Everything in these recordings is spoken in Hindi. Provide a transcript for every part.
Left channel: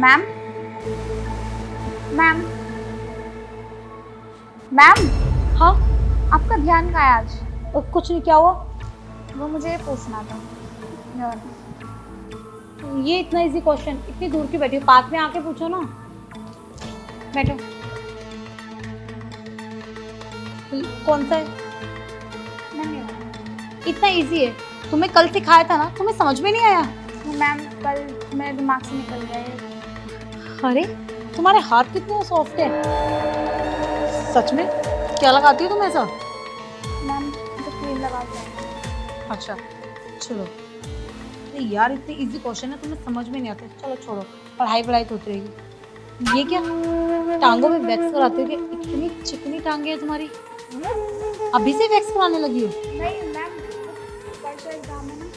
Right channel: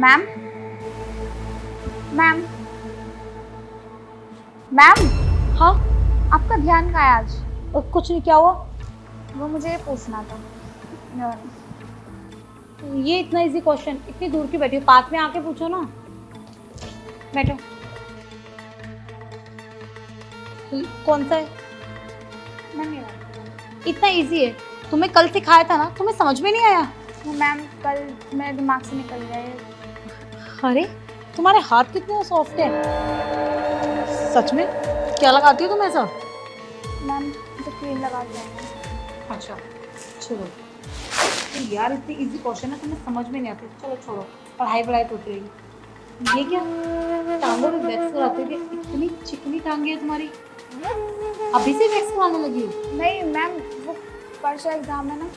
मैम मैम मैम, हाँ। आपका ध्यान कहाँ है आज? कुछ नहीं, क्या हुआ? वो मुझे पूछना था। ये इतना इजी क्वेश्चन, इतनी दूर क्यों बैठी हो? पास में आके पूछो ना। बैठो। कौन सा है? मैम ये वाला। इतना इजी है, तुम्हें कल सिखाया था ना, तुम्हें समझ में नहीं आया? वो मैम कल मेरे दिमाग से निकल गया ये। अरे तुम्हारे हाथ कितने सॉफ्ट है। सच में? क्या लगाती हो तुम ऐसा? मैम तो क्रीम लगाते हैं। अच्छा चलो यार, इतनी इजी क्वेश्चन है, तुम्हें समझ में नहीं आता। चलो छोड़ो, पढ़ाई तो होती रहेगी। ये क्या टांगों में वैक्स कराती थी? इतनी चिकनी टांगे है तुम्हारी, अभी से वैक्स कराने लगी हो? नहीं मैम, वो परसों एग्जाम है ना।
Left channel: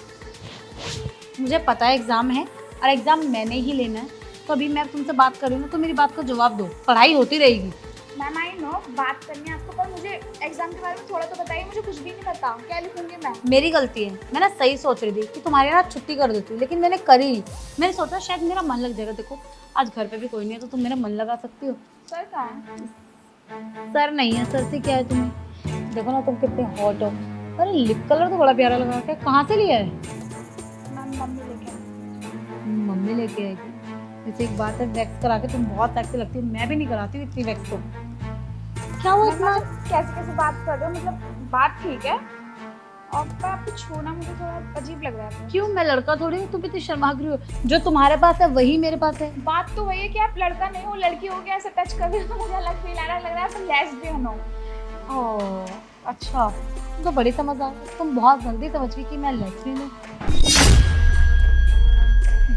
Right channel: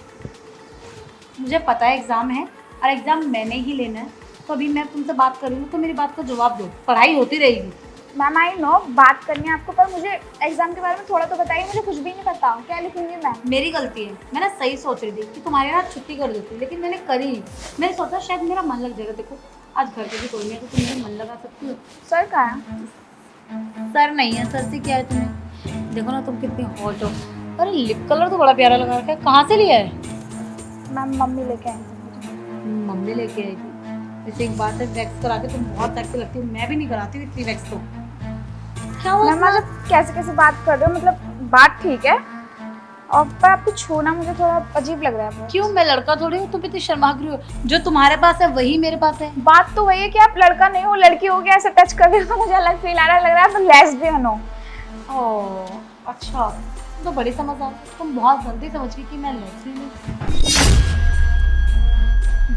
मुझे पता है एग्जाम है, और एग्जाम मैंने ही लेना है, तो अभी मैं तुमसे बात कर रही हूँ तो मेरी बात का जवाब दो। पढ़ाई होती रहेगी। मैम आई नो बात करनी है आपको, पर मुझे एग्जाम के बारे में थोड़ा तो बताइए। मुझे कुछ भी नहीं पता, क्या लिखूंगी मैं? मेरी गलती है, मैं ना सही सोच रही थी कि तुम्हारे यहाँ छुट्टी कर देती, लेकिन मैंने करी नहीं। मैंने सोचा शायद मेरा मन लग जाएगा। देखो आज घर पे भी कोई नहीं है, तो तुम मेरा मन लगा सकती हो। सर कहाँ है? सर नहीं है, सर से क्या है तुम्हें? देखो ना तुम कितने हॉट हो। अरे लिप कलर तो बड़ा प्यारा लगा रखा है, कहाँ से लिया है? मैम मम्मी लेके आई। मम्मी लेके आएगी। वैसे एक बात है, वैक्स करा के तुम बहुत सेक्सी लगती हो। मैं भी नहीं कराती हूँ इतनी वैक्स तो। क्या हुआ? मैम मतलब कैसे कैसे बात कर रहे हो? मतलब बात ठीक है, और पर आपको छूना मुझे थोड़ा अजीब लग रहा है। क्यों, मैं लड़का थोड़ी हूँ? तुम इतनी शर्मा रही हो। जो तुम्हारे पास है वही मेरे पास है। बात तो वही है कि आप लड़का नहीं हो लड़की हो, गया ऐसे टच कर रहे हो तो मुझे अलग फील आ रहा लग रहा है आप लेस्बियन हो। ओह अच्छा, तुम तो बड़ी समझदार। तुम बहुत जल्दी समझ गई कि मैं लेस्बियन हूँ।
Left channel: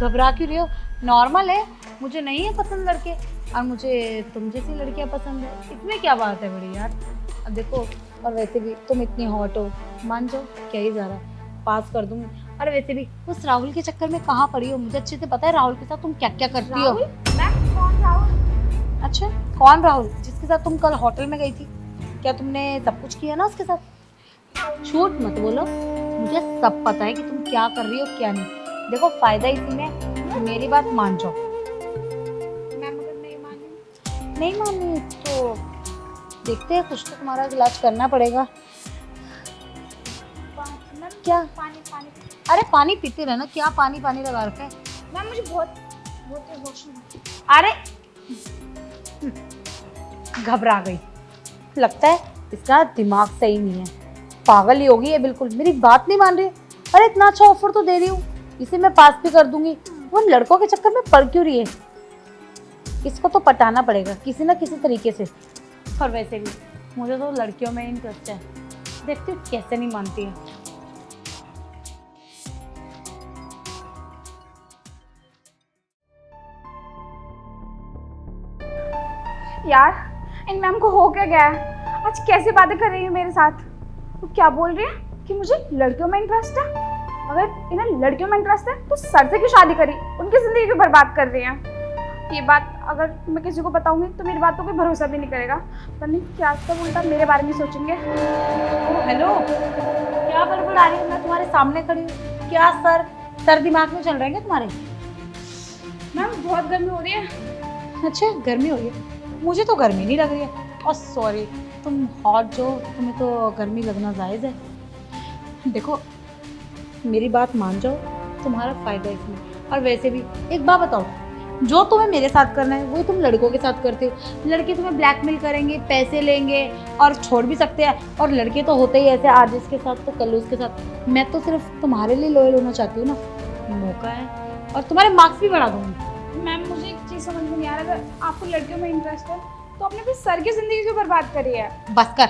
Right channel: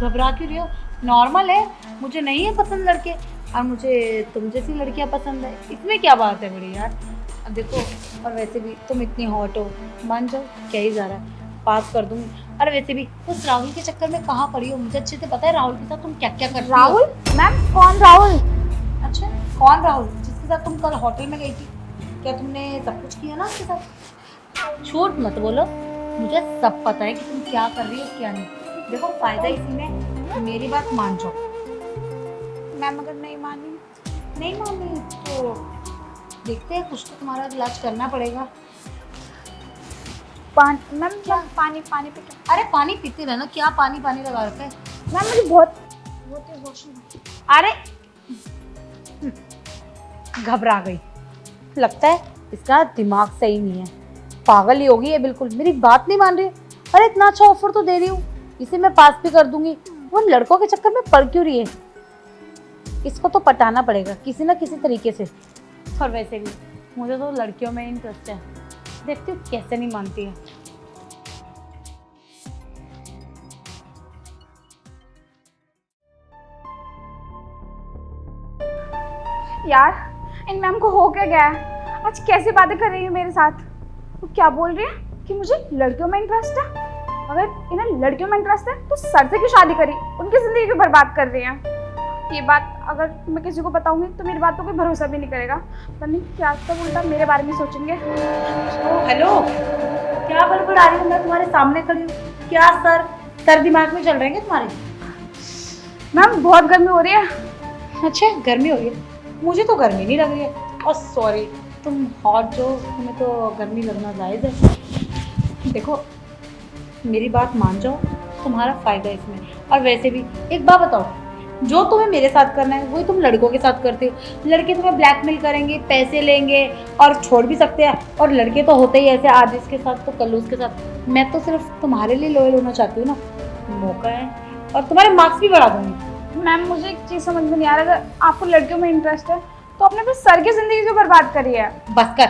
घबरा क्यों रही हो? नॉर्मल है, मुझे नहीं है पसंद लड़के, और मुझे तुम जैसी लड़कियां पसंद है। इसमें क्या बात है बड़ी यार। अब देखो, और वैसे भी तुम इतनी हॉट हो, मान जाओ क्या ही जा रहा है, पास कर दूंगी। और वैसे भी उस राहुल के चक्कर में कहाँ पड़ी हो? मुझे अच्छे से पता है राहुल के साथ तुम क्या क्या करती हो। राहुल? मैम कौन राहुल? अच्छा कौन राहुल? जिसके साथ तुम कल होटल में गई थी? क्या तुमने सब कुछ किया ना उसके साथ? झूठ मत बोलो, मुझे सब पता है कि तुम क्या कर रही हो क्या नहीं। देखो फायदा इसी में, मेरी बात मान जाओ। मैम अगर नहीं मानी? नहीं मान रही तो देखते हैं, कुछ तो तुम्हारा इलाज करना पड़ेगा। पानी मैम, क्या पानी पानी पी? अरे पानी पीते रहना, क्या पानी पानी लगा रखे है? मैम मुझे बहुत बहुत वॉशरूम। अरे घबरा गई, लगता है इसका दिमाग सही नहीं है। पागल ही होगी ये बिल्कुल, मेरी बात नहीं मान रही। अरे इतना अच्छा ऑफर तो दे रही हूँ, इसे मैं पास भी कर दूंगी, वो लड़कों के चक्कर में पड़ क्यों रही है? इसको तो पटाना पड़ेगा किसी ना किसी तरीके से। और वैसे भी मुझे तो लड़कियों में इंटरेस्ट है, देखती हूँ कैसे नहीं मानती है। यार इन मैम को हो क्या गया है? आज कैसे बातें कर रही है मेरे साथ? वो क्या बोल रही है कि मुझे लड़कियों में इंटरेस्ट है? अगर इन्हें लड़कियों में इंटरेस्ट है तो सर से क्यों शादी करी? उनकी जिंदगी क्यों बर्बाद कर रही है? ये बात अगर मैं किसी को बताऊंगी तो मेरी बात को कोई भरोसा भी नहीं करेगा। पता नहीं क्या सब उल्टा मेरे बारे में सोचेंगे। हेलो, क्या गड़बड़ आ रही है? मैं तुम्हारे सामने खड़ी हूँ। क्या सर दिमाग में चल रहे हैं तुम्हारे? मैम बहुत गर्मी हो रही है। अच्छा गर्मी हो रही है? मुझे तो गर्मी नहीं लग रही है। और सॉरी, तुम हॉट जो, तुम्हें तो गर्मी लगना जायज़ है। देखो मेरी बात मान जाओ, तुम्हारा फायदा इसमें। और वैसे भी एक बात बताओ, जो तुम्हें मेरे साथ करना है वो तुम लड़कों के साथ करते हो। लड़के तुम्हें ब्लैकमेल करेंगे, पैसे लेंगे और छोड़ भी सकते हैं। और लड़के तो होते ही ऐसे, आज इसके साथ तो कल उसके साथ। मैं तो सिर्फ तुम्हारे लिए लॉयल होना चाहती हूँ ना, मौका है, और तुम्हारे मार्क्स भी बढ़ा दूंगी। मैम मुझे एक चीज़ समझ में नहीं आ रहा, अगर आपको लड़कियों में इंटरेस्ट है तो आपने अपने सर की जिंदगी क्यों बर्बाद करी है? बस कर,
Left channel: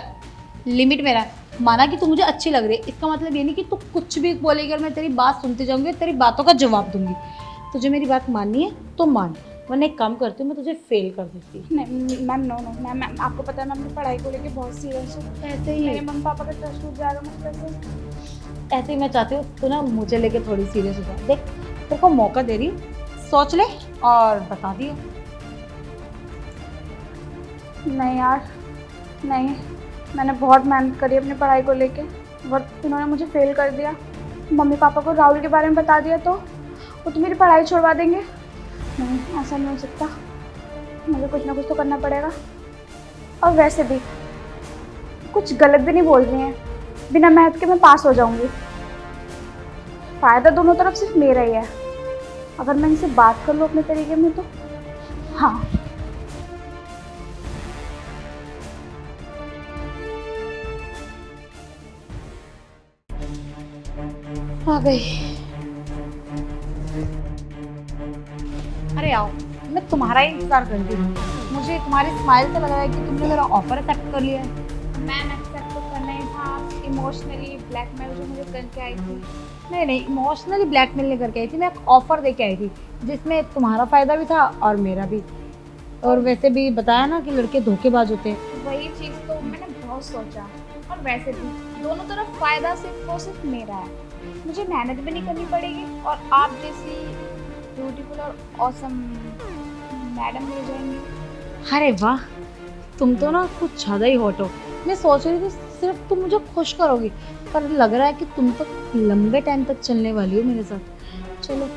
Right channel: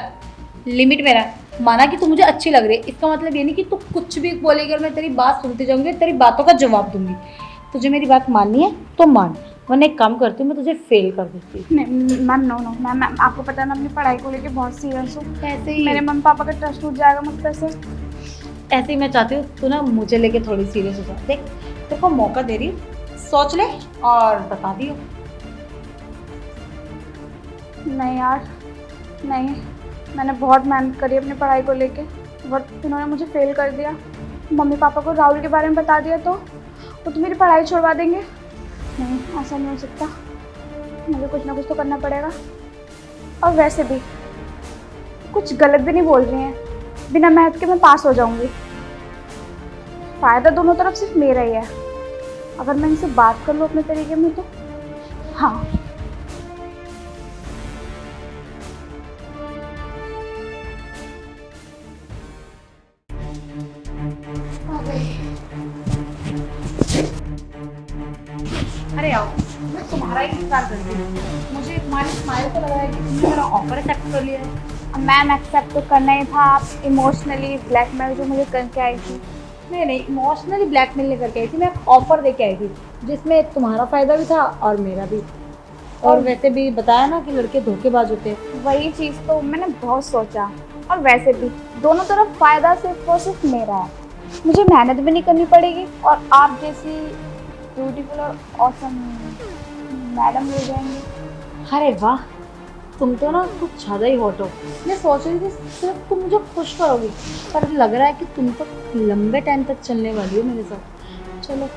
लिमिट में रह। माना कि तू मुझे अच्छी लग रही है, इसका मतलब ये नहीं कि तू कुछ भी बोलेगी और मैं तेरी बात सुनती जाऊंगी, तेरी बातों का जवाब दूंगी। तुझे मेरी बात माननी है तो मान, वरना एक काम करती हूँ, मैं तुझे फेल कर देती हूँ। नहीं मैम, नो नो मैम, आपको पता है मैं अपनी पढ़ाई को लेकर बहुत सीरियस हूँ। ऐसे ही मेरे मम्मी पापा का ट्रस्ट टूट जाएगा मुझ पर से। ऐसे ही मैं चाहती हूँ तू ना मुझे लेके थोड़ी सीरियस हो जा। देख तेरे को मौका दे रही, सोच ले और बता दियो। नहीं यार नहीं, मैंने बहुत मेहनत करी अपनी पढ़ाई को लेके, बट इन्होंने मुझे फेल कर दिया। मम्मी पापा को राहुल के बारे में बता दिया तो वो तो मेरी पढ़ाई छुड़वा देंगे। नहीं, ऐसा नहीं हो सकता। मुझे कुछ ना कुछ तो करना पड़ेगा। और वैसे भी कुछ गलत भी नहीं बोल रही हैं, बिना मेहनत के मैं पास हो जाऊंगी। फ़ायदा दोनों तरफ सिर्फ मेरा ही है। अगर मैं इनसे बात कर लूँ अपने तरीके में तो हाँ। आ गई। अरे आओ, मैं तुम्हारा ही इंतजार कर रही हूँ। मुझे तुम्हारी स्माइल तो लगा है कि तुमने मेरा ऑफर एक्सेप्ट कर लिया है। मैम एक्सेप्ट तो करना ही था। आप इमोशनली ब्लैकमेल जो मुझे करके आई थी। नहीं, इमोशनली ब्लैकमेल नहीं करके आई थी, मैं ऑफर दे के आई थी जिसमें तुम्हारा फायदा भी था और मेरा भी। और वैसे भी बताया ना कि लड़के धोखेबाज होते हैं। वही चीज़ तो मैंने बहुत सोचा। और वैसे भी दोनों तरफ फ़ायदा सिर्फ और सिर्फ मेरा है। मुझे मेहनत भी नहीं करनी पड़ेगी और आप जैसी ब्यूटीफुल और ऑसम मैडम मिल जाएंगी। अरे वाह, तुम तो ना कुछ ज़्यादा ही हॉट हो। मैं सोच रही थी सिर्फ तुम मुझे खुश करोगी, पर लग रहा है कि तुम तो लंबे टाइम तक चलने वाली हो मेरे साथ। चलो,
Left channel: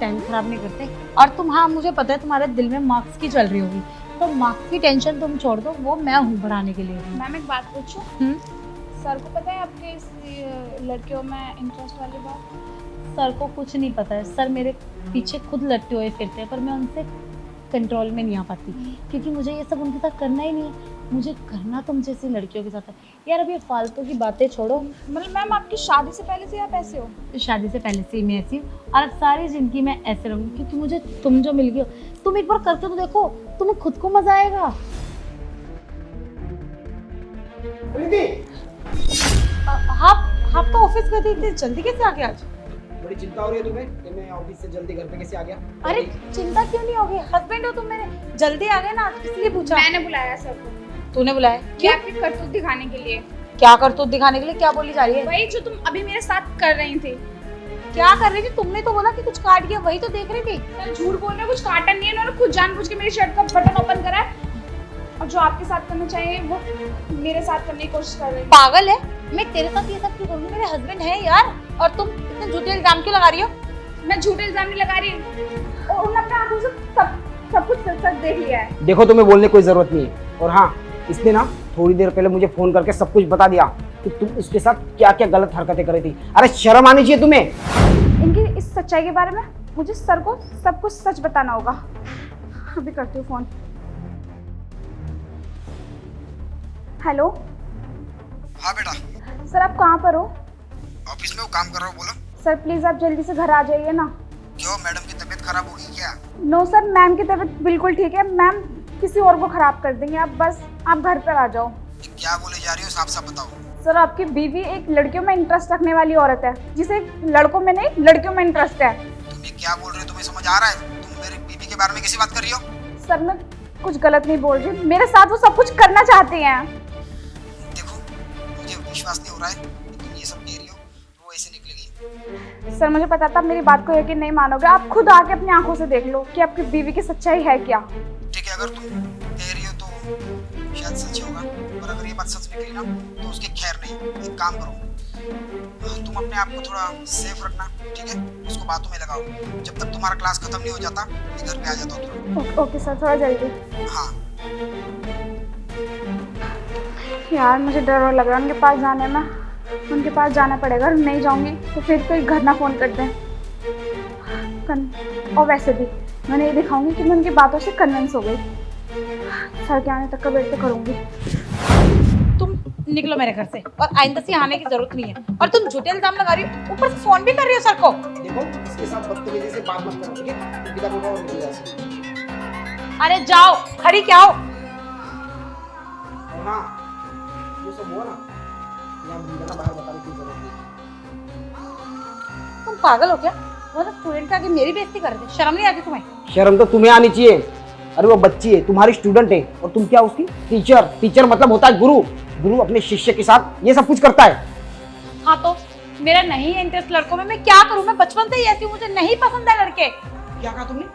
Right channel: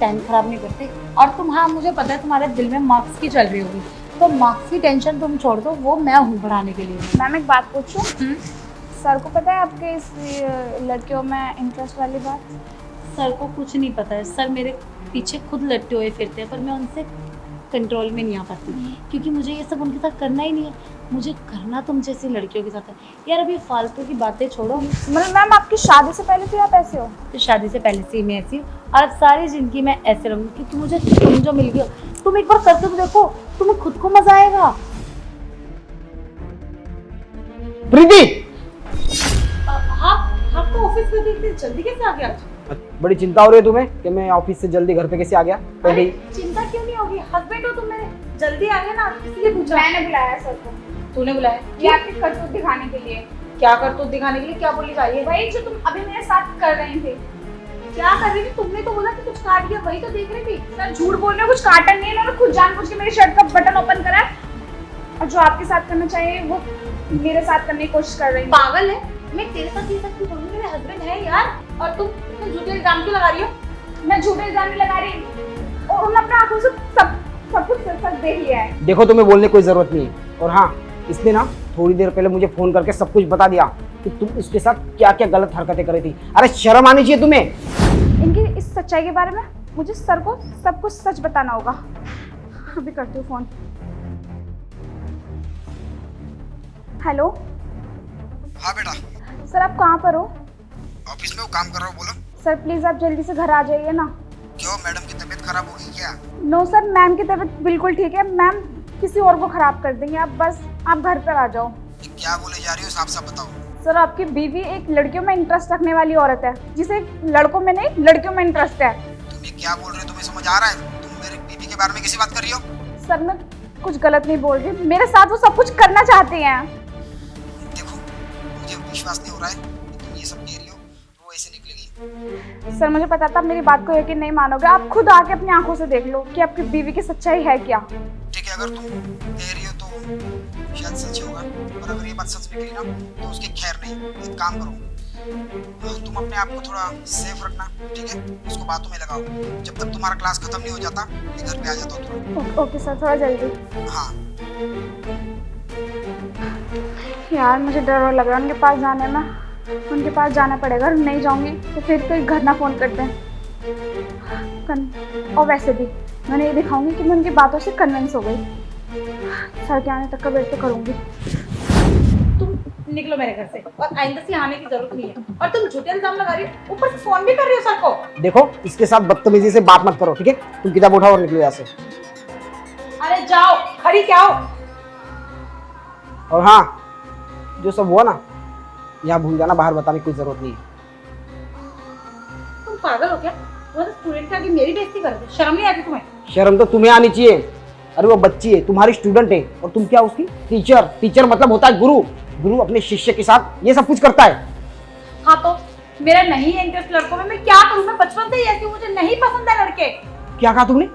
टाइम खराब नहीं करते। और तुम, हाँ मुझे पता है तुम्हारे दिल में मार्क्स की चल रही होगी, तो मार्क्स की टेंशन तुम छोड़ दो, वो मैं हूँ बढ़ाने के लिए। मैम एक बात पूछूं? सर को पता है आपके इस लड़कियों में इंटरेस्ट वाली बात? सर को कुछ नहीं पता है। सर मेरे पीछे खुद लटके हुए फिरते हैं, पर मैं उनसे कंट्रोल में नहीं आ पाती क्योंकि मुझे ये सब उनके साथ करना ही नहीं है। मुझे करना तुम जैसी लड़कियों के साथ है। यार अभी फालतू की बातें छोड़ो। मतलब मैम आपकी शादी से पहले से आप ऐसे हो? तो शादी से पहले से ही मैं ऐसी हूँ और अब सारी जिंदगी मैं ऐसे रहूँगी क्योंकि मुझे तुम जो मिल गई। तुम एक बार करके तो देखो, तुम्हें खुद को मजा आएगा। प्रीति, आपका ऑफिस में इतनी जल्दी कैसे आ गया आज? बड़ी चिंता हो रही है तुम्हें कि मैं ऑफिस से जल्दी घर पे कैसे आ गया? अरे चिंता क्यों नहीं होगी, हस्बैंड हो तुम मेरे, जल्दी आ गए ना, इसलिए पूछा। मैंने बुलाया सर को। तूने बुलाया? ये आपकी करतूत दिखाने के लिए। क्या करतूत दिखाने के लिए? क्या बोली जा रही है? वही जो तुम अभी मेरे साथ कर रही थी। क्या कर रही थी? तुमने तो बोला कि कुछ काट दिया, वही तो देख रही थी। सर झूठ बोल रहे हो, कुछ काटा नहीं है। इन्होंने खुद जानबूझ के मेरी शर्ट का बटन ओपन करा है और जो आपके साथ करना चाहिए वो मेरे साथ करने की कोशिश कर रही है। पागल है? मैं तेरे साथ ये सब क्यों करूं? मेरे हस्बैंड है यार, और तुम इतने झूठे इल्जाम क्यों लगा रही हो? मैं झूठे इल्जाम नहीं लगा रही। और उन्होंने अपने आंखों से सब कुछ सच देख लिया है। देखो, तुम्हें बोलने की कोई जरूरत नहीं है। और हाँ, इसने ना थोड़ी देर पहले मुझे फोन करके सब कुछ बता दिया कि तुम इसके साथ क्या क्या गलत हरकतें कर रही थी। अरे शर्म आनी चाहिए तुम्हें। इनकी इस सच्चाई के बारे में मुझे सर को सब कुछ सच बताना होगा। अभी करती हूँ फोन। हेलो हाँ बेटा। सर, आप कहाँ पर हो? ऑफिस में वो काम कर रहा हूँ, बोलो। सर प्लीज़ आप जल्दी से घर आ जाइए ना। क्यों, मैडम की तबीयत खराब होगी क्या? नो सर, मैम की तबीयत बिल्कुल ठीक है। मैम किसी और को खराब कर देंगे। आप घर पर आ जाओ। क्या बोले जा रही हो, साफ साफ बताओ। सर आपकी बीवी एक लड़कियों में इंटरेस्ट रखने वाली औरत है, जिसे लड़कों में नहीं लड़कियों में इंटरेस्ट है। तुम ये क्या बोल रहे हो, तुम्हें समझ आ रहा है? तुम मेरी बीवी के बारे में कैसी बात कर रही हो? सर मैं कुछ गलत नहीं बोल रही। मेरे साथ वो सब कुछ करना चाहते हैं। देखो, मुझे विश्वास नहीं हो रहा है कि तुम ये सब कह रही हो, वो ऐसे निकलेगी। सर मुझे पता था मेरी बात को यकीन नहीं मानोगे। आप खुद आके अपनी आंखों से देख लो कि आपकी बीवी की सच्चाई है क्या। ठीक है, अगर तुम कह रही हो तो शायद सच होगा, पर अगर ये बात सच निकली ना तो उसकी खैर नहीं। एक काम करो, तुम अपने आप को थोड़ा सेफ रखना, ठीक है? उसको बातों में लगाओ। जब तक तुम्हारा क्लास खत्म नहीं हो जाता मैं घर पे आ जाता हूँ तुरंत। ओके सर, थोड़ा जल्दी। हाँ। यार मुझे डर लग रहा है उनके पास जाने में। उनके पास जाना पड़ेगा। नहीं जाऊंगी तो फिर कोई घर ना फ़ोन कर दें। और वैसे भी मैंने ये दिखाऊंगी कि मैं उनकी बातों से कन्विंस हो गई। सर के आने तक का वेट तो करूंगी। तुम निकलो मेरे घर से, और आइंदा से आने की जरूरत नहीं है। और तुम झूठे इल्जाम लगा रही हो, ऊपर से फोन भी कर रही हो सर को। देखो, इसके साथ बदतमीजी से बात मत करो, ठीक है? तुम किताब उठाओ और निकलो यहाँ से। अरे जाओ, खड़ी क्या हो? और हाँ, जो सब हुआ ना यहाँ भूल जाना, बाहर बताने की कोई जरूरत नहीं। तुम पागल हो क्या? वो ना स्टूडेंट आके मेरी बेइज्जती कर रहे हो, शर्म नहीं आती तुम्हें? शर्म तो तुम्हें आनी चाहिए। अरे वो बच्ची है, तुम्हारी स्टूडेंट है, और तुम क्या उसकी टीचर? टीचर मतलब होता है गुरु। गुरु अपने शिष्य के साथ ये सब कुछ करता है। हाँ तो मेरा नहीं है इंटरेस्ट लड़कों में, मैं क्या करूँ? मैं बचपन से ही ऐसी हूँ, मुझे नहीं पसंद है लड़के। क्या कहा तुमने?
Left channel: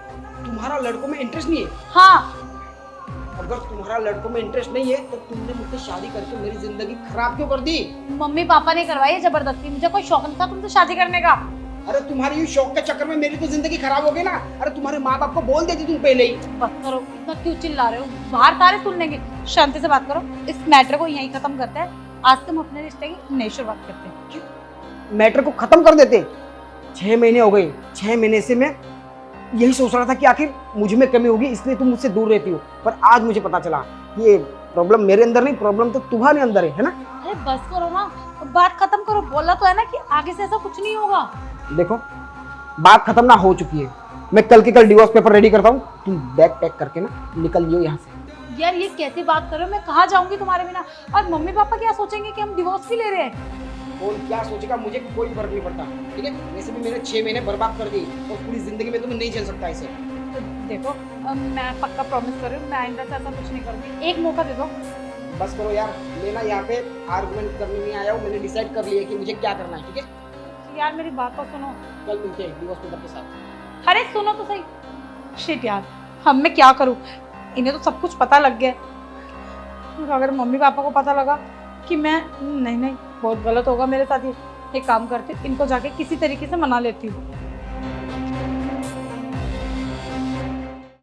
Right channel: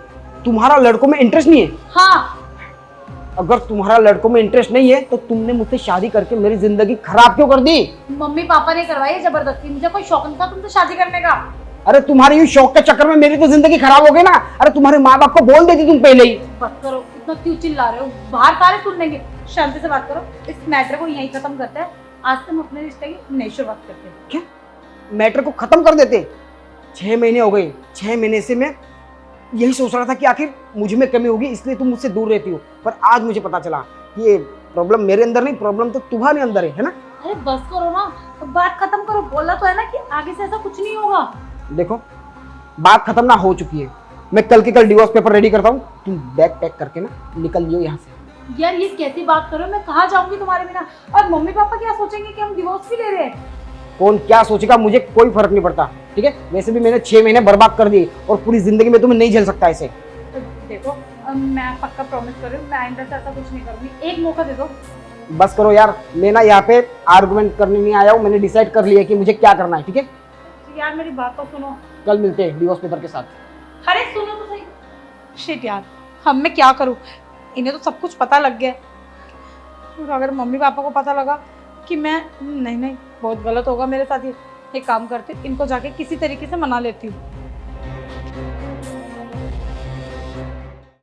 तुम्हारा लड़कों में इंटरेस्ट नहीं है? हाँ। अगर तुम्हारा लड़कों में इंटरेस्ट नहीं है तो तुमने मुझसे शादी करके मेरी जिंदगी खराब क्यों कर दी? मम्मी पापा ने करवाई है जबरदस्ती, मुझे कोई शौक नहीं था तुमसे शादी करने का। अरे तुम्हारे ये शौक के चक्कर में मेरी तो जिंदगी खराब हो गई ना। अरे तुम्हारे माँ बाप को बोल देती तुम पहले ही। बस करो, इतना क्यों चिल्ला रहे हो? बाहर सारे सुन लेंगे। शांति से बात करो, इस मैटर को यहीं खत्म करते हैं। आज तुम अपने रिश्ते की नई शुरुआत करते हैं। क्या मैटर को खत्म कर देते? 6 महीने हो गए, 6 महीने से मैं यही सोच रहा था कि आखिर मुझ में कमी होगी इसलिए तुम मुझसे दूर रहती हो, पर आज मुझे पता चला कि ये प्रॉब्लम मेरे अंदर नहीं, प्रॉब्लम तो तुम्हारे अंदर है ना। अरे बस करो ना, बात खत्म करो। बोला तो है ना कि आगे से ऐसा कुछ नहीं होगा। देखो बात खत्म ना हो चुकी है, मैं कल के कल डिवोर्स पेपर रेडी करता हूँ, तुम बैग पैक करके ना निकल लियो यहाँ से। यार ये कैसी बात कर रहे हो? मैं कहाँ जाऊंगी तुम्हारे बिना? और मम्मी पापा क्या सोचेंगे कि हम डिवोर्स क्यों ले रहे हैं? कौन क्या सोचेगा मुझे कोई फर्क नहीं पड़ता, ठीक है। वैसे भी मैंने 6 महीने बर्बाद कर दिए और पूरी जिंदगी में तुम्हें नहीं झेल सकता ऐसे। तो देखो, मैं पक्का प्रॉमिस कर रही हूँ, मैं आइंदा से ऐसा कुछ नहीं करूंगी। एक मौका दे दो। बस करो यार, मैं ना यहाँ पे आर्गुमेंट करने नहीं आया हूँ, मैंने डिसाइड कर लिया है कि मुझे क्या करना है, ठीक है। यार मेरी बात तो सुनो। कल मिलते हैं डिवोर्स पेपर के साथ। अरे सुनो तो सही। शिट यार, अब मैं क्या करूँ? इन्हें तो सब कुछ पता लग गया। और अगर मम्मी पापा को पता लगा कि मैं नहीं, बहुत गलत होगा मेरे साथ। ये एक काम करती हूँ, इनको जाके किसी तरीके से मना लेती हूँ।